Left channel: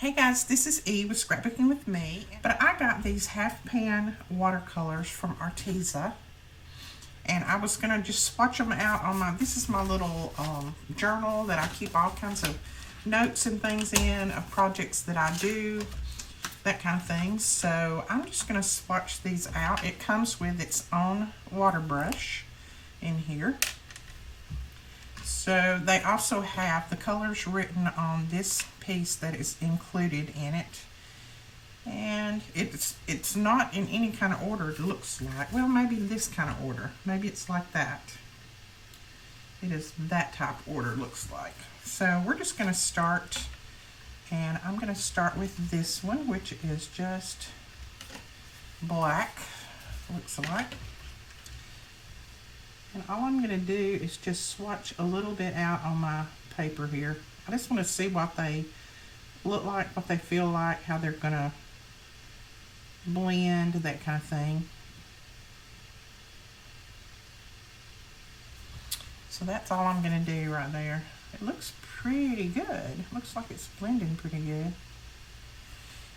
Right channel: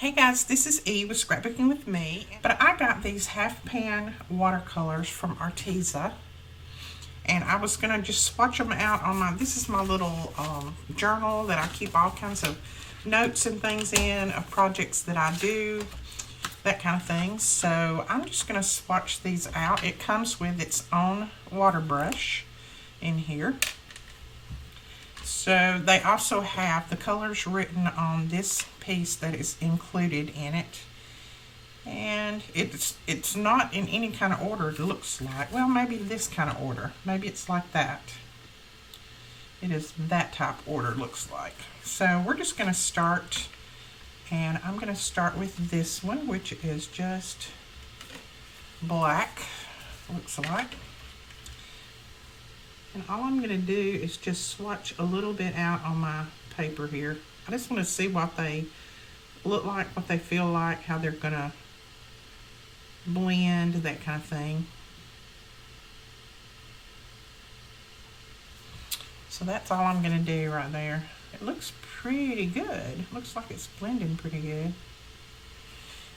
Hey guys, this is E with Scrapbooking with Me, but I got these half pan watercolors from Arteza, and I was gonna just swatch them out on this is my little journal that I keep all kinds of notes and things in of projects that I do, that kind of thing. So I'm just gonna swatch these out. It comes with its own water brush in here. So they also have the colors written on this piece that is included in it, and it's not in any kind of order. It looks like, well, maybe this kind of order, maybe it's like that. It is that type order, looks like. So we're just going to start, and I'm going to start with this one, which is just black, looks like. And all I'm going to do is just swatch a little bit out on my paper here. I just want to see what they look like, what they feel like, how they're going to blend, that kind of thing. So that's all I'm going to do right there. It looks pretty good. Looks like it's blending pretty good.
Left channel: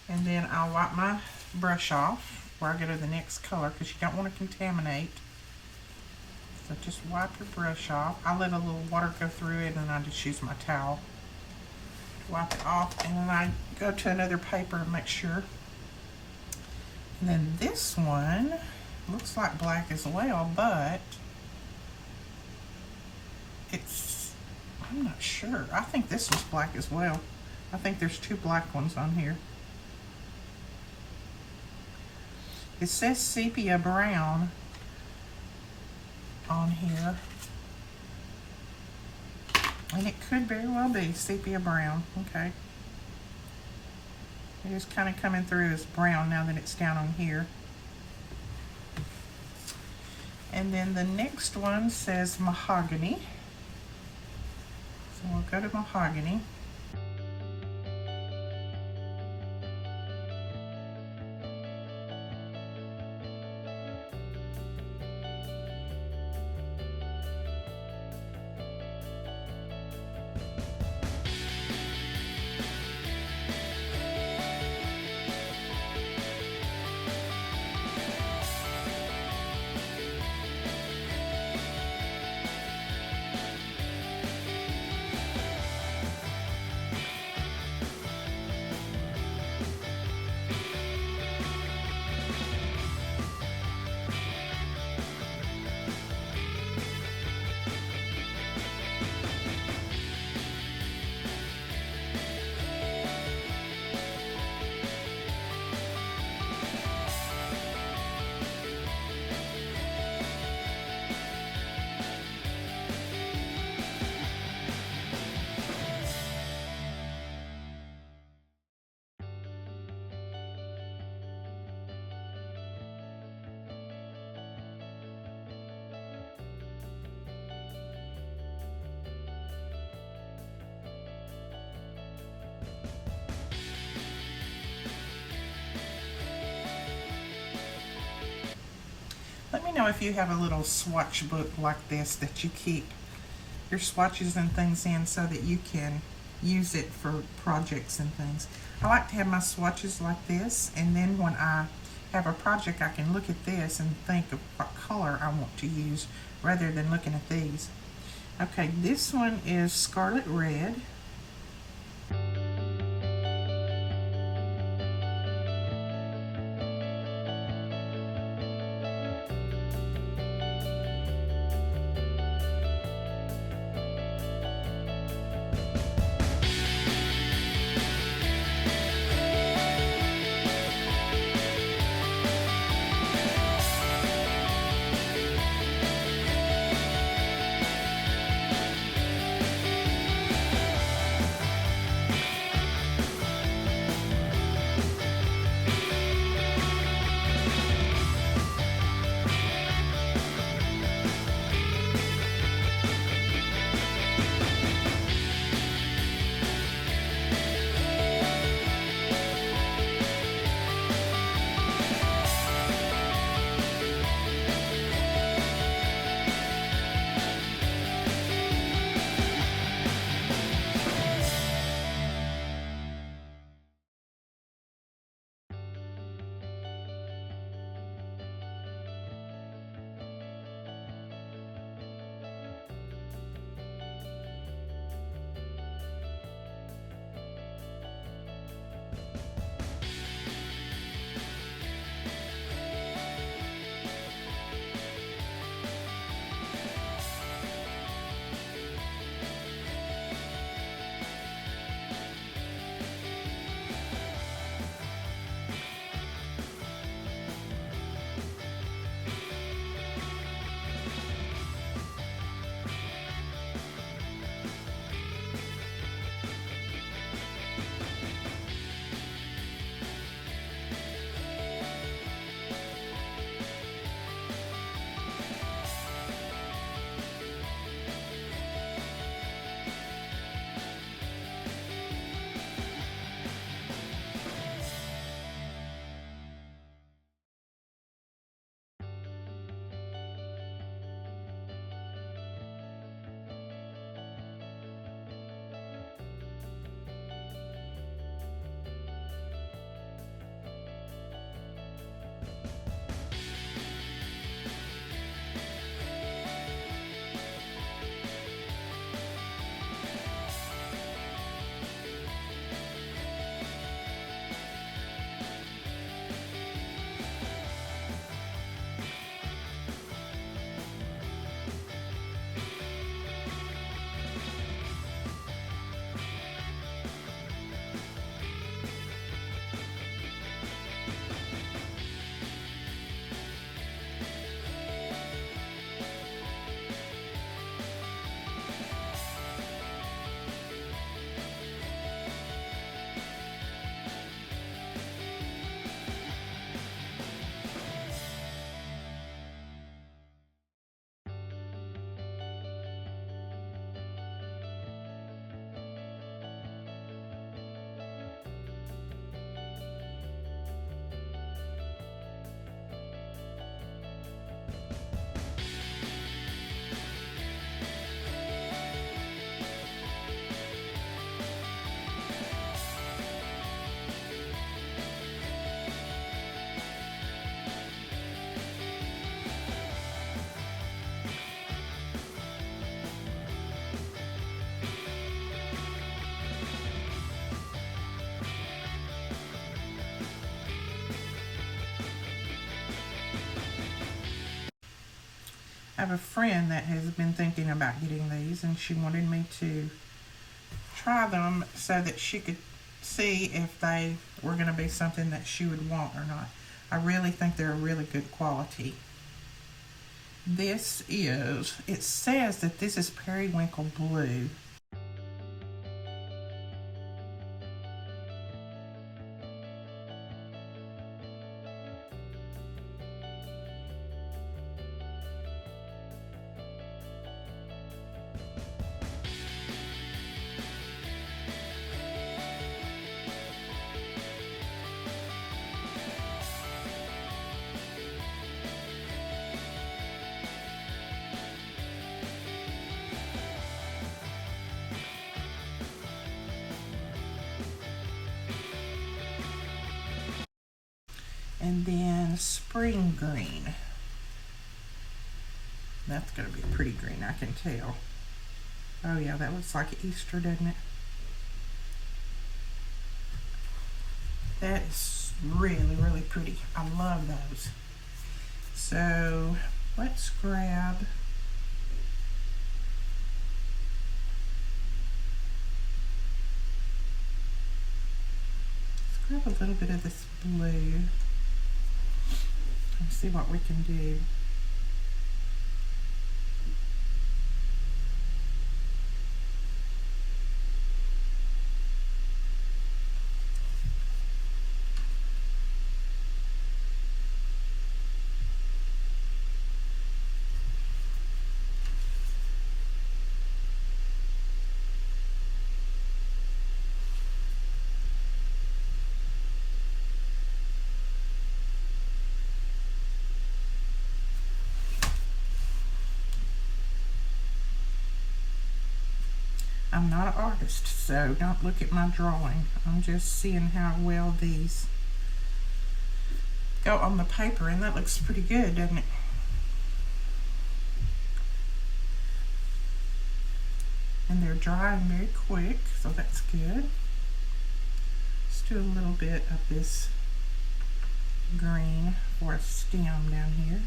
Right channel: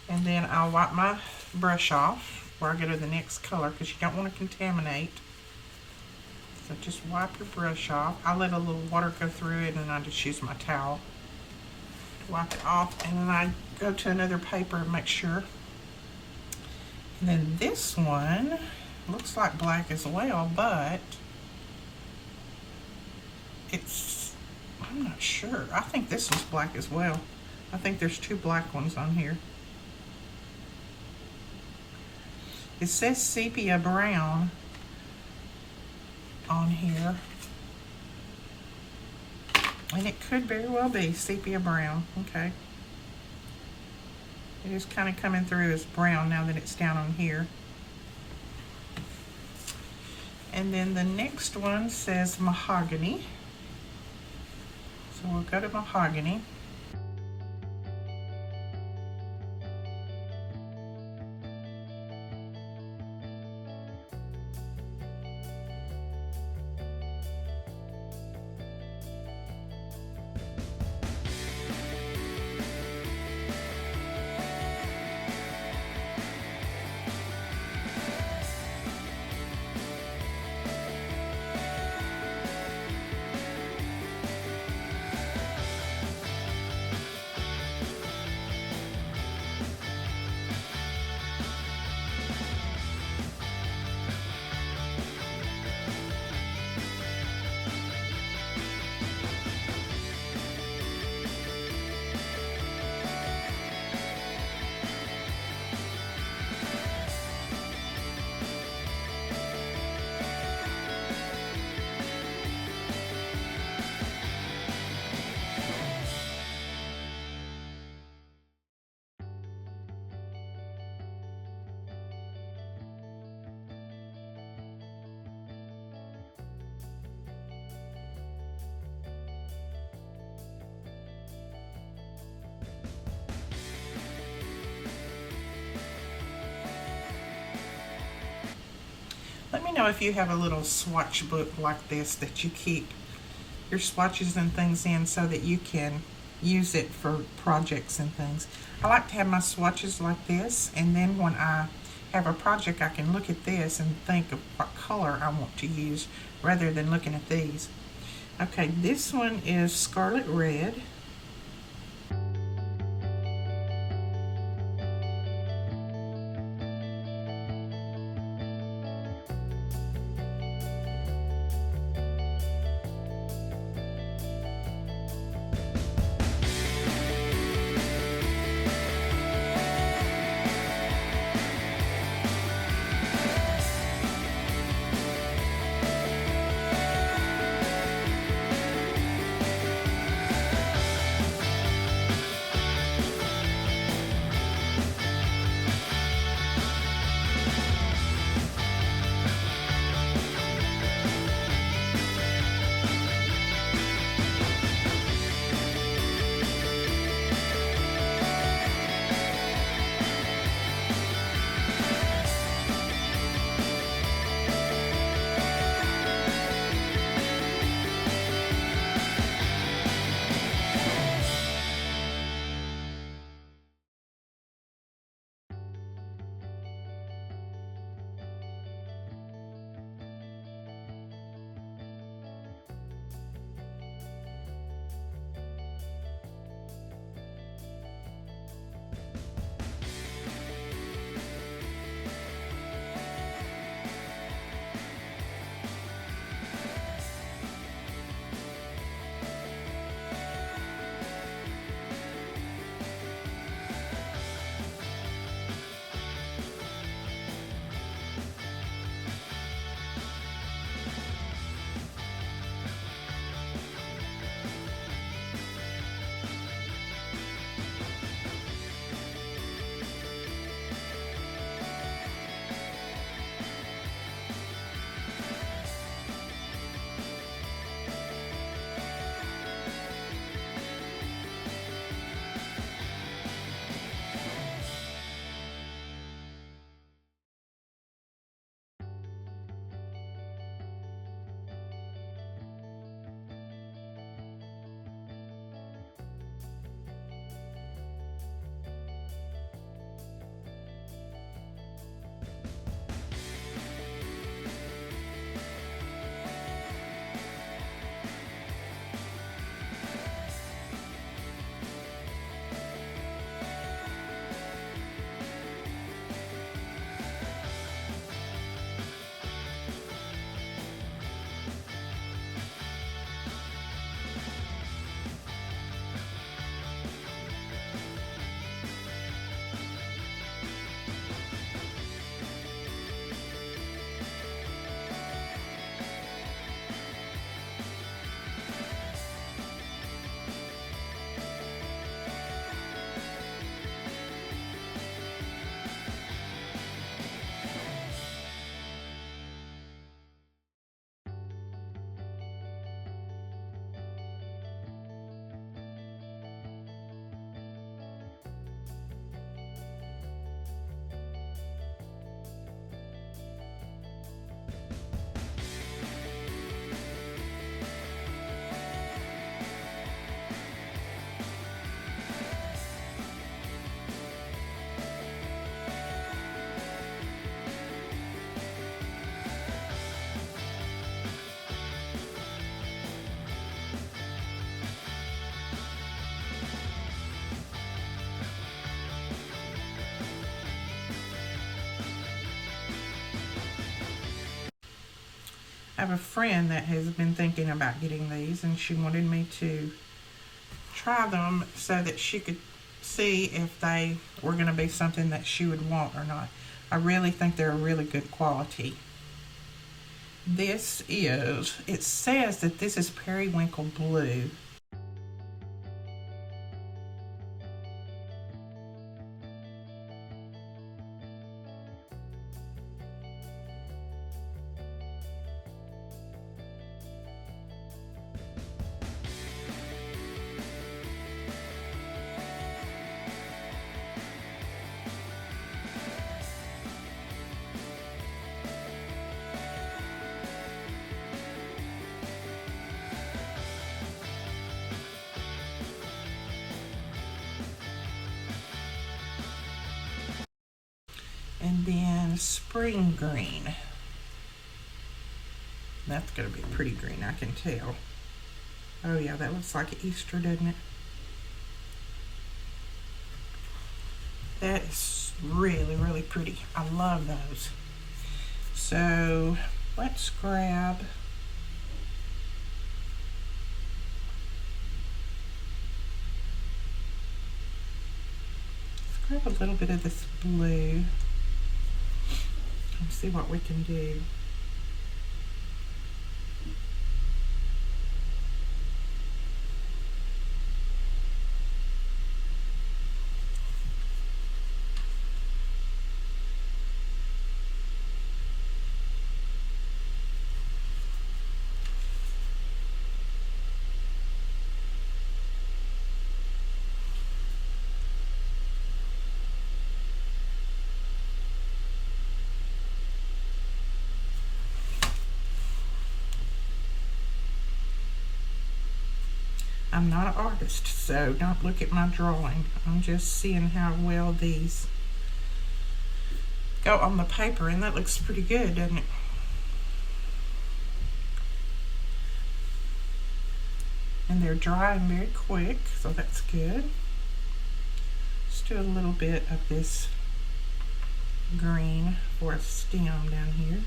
And then I'll wipe my brush off before I go to the next color, because you don't want to contaminate. So just wipe your brush off. I let a little water go through it, and I just use my towel to wipe it off. And then I go to another paper and make sure. And then this one looks like black as well, but I'm not sure. I think this one's black as well. I think there's two black ones on here. It says sepia brown on here, and it could very well be sepia brown. Okay, it is kind of coming through as brown now that it's down on here. And then the next one says mahogany, so we'll go to mahogany. Let me know if you have a little swatch book like this that you keep your swatches and things in so that you can use it for projects and things. I like to have my swatches like this, and then when I have a project I can look at this and think of what color I want to use rather than looking at these. Okay, this one is scarlet red. I have a friend that has been thinking about getting these, and she wanted me to try them so that she could see if they were going to be something that she would want or not. I really think they're a really good quality. This is, it says that this is periwinkle blue. And then spring green. That's going to be pretty green, I can tell. Oh yeah, that looks like Easter, doesn't it? That is really, really pretty. I love those. So let's grab a little bit of this blue and see what we can do. I'm not an artist, so don't look at my drawing. I'm just seeing how well these go on the paper, and that looks pretty good, doesn't it? And they're drying very quick, so that's good. Let's do a little bit of this green for a stem down here.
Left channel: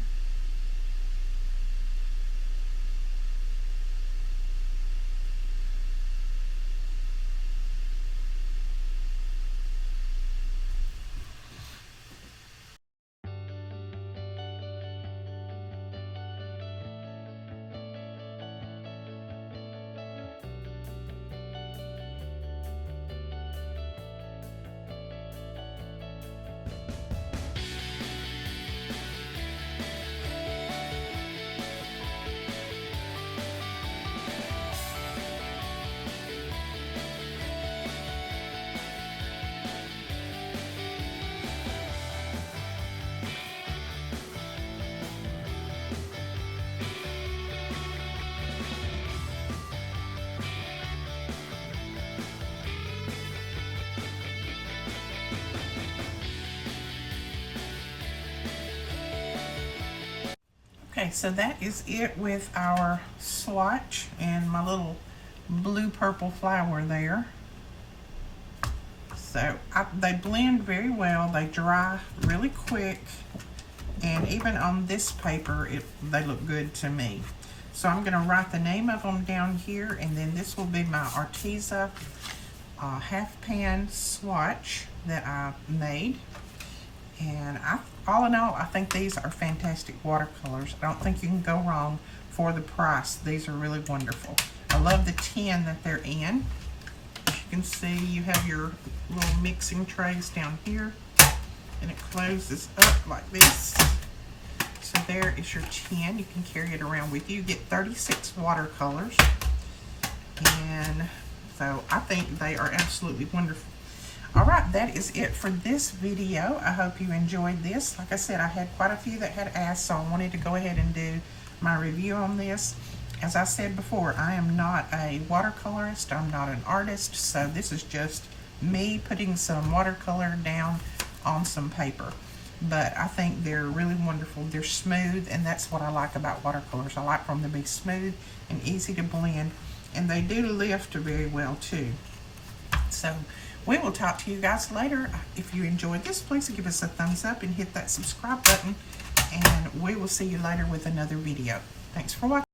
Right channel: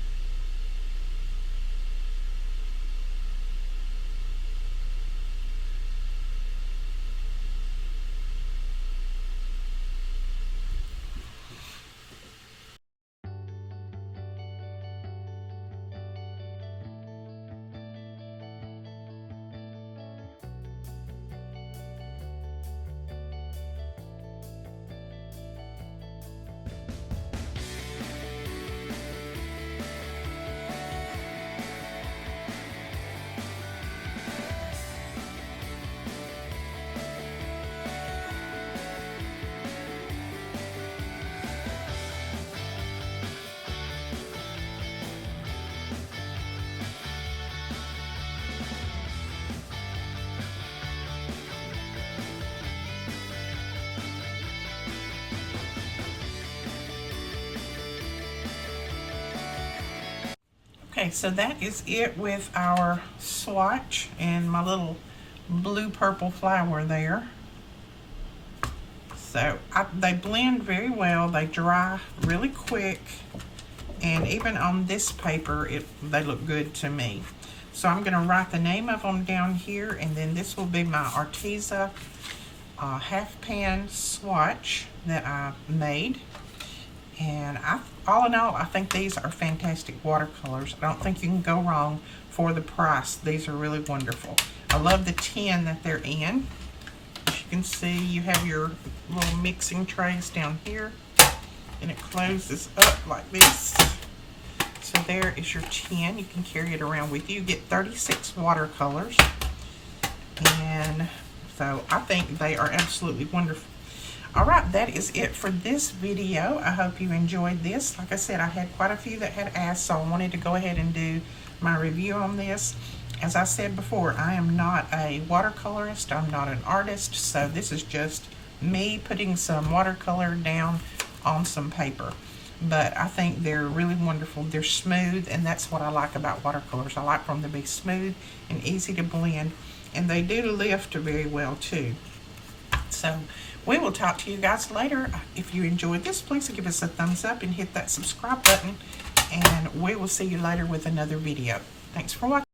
Okay, so that is it with our swatch and my little blue-purple flower there. So they blend very well, they dry really quick, and even on this paper, they look good to me. So I'm gonna write the name of them down here, and then this will be my Arteza half pan swatch that I made. And all in all, I think these are fantastic watercolors. I don't think you can go wrong for the price. These are really wonderful. I love the tin that they're in. As you can see, you have your little mixing trays down here, and it closes up like this. So there is your tin. You can carry it around with you. You get 36 watercolors. And so I think they are absolutely wonderful. All right, that is it for this video. I hope you enjoyed this. Like I said, I had quite a few that had asked, so I wanted to go ahead and do my review on this. As I said before, I am not a watercolorist. I'm not an artist, so this is just me putting some watercolor down on some paper. But I think they're really wonderful. They're smooth, and that's what I like about watercolors. I like for them to be smooth and easy to blend, and they do lift very well too. So we will talk to you guys later. If you enjoyed this, please give us a thumbs up and hit that subscribe button, and we will see you later with another video. Thanks for watching.